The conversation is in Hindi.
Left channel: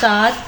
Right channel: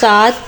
7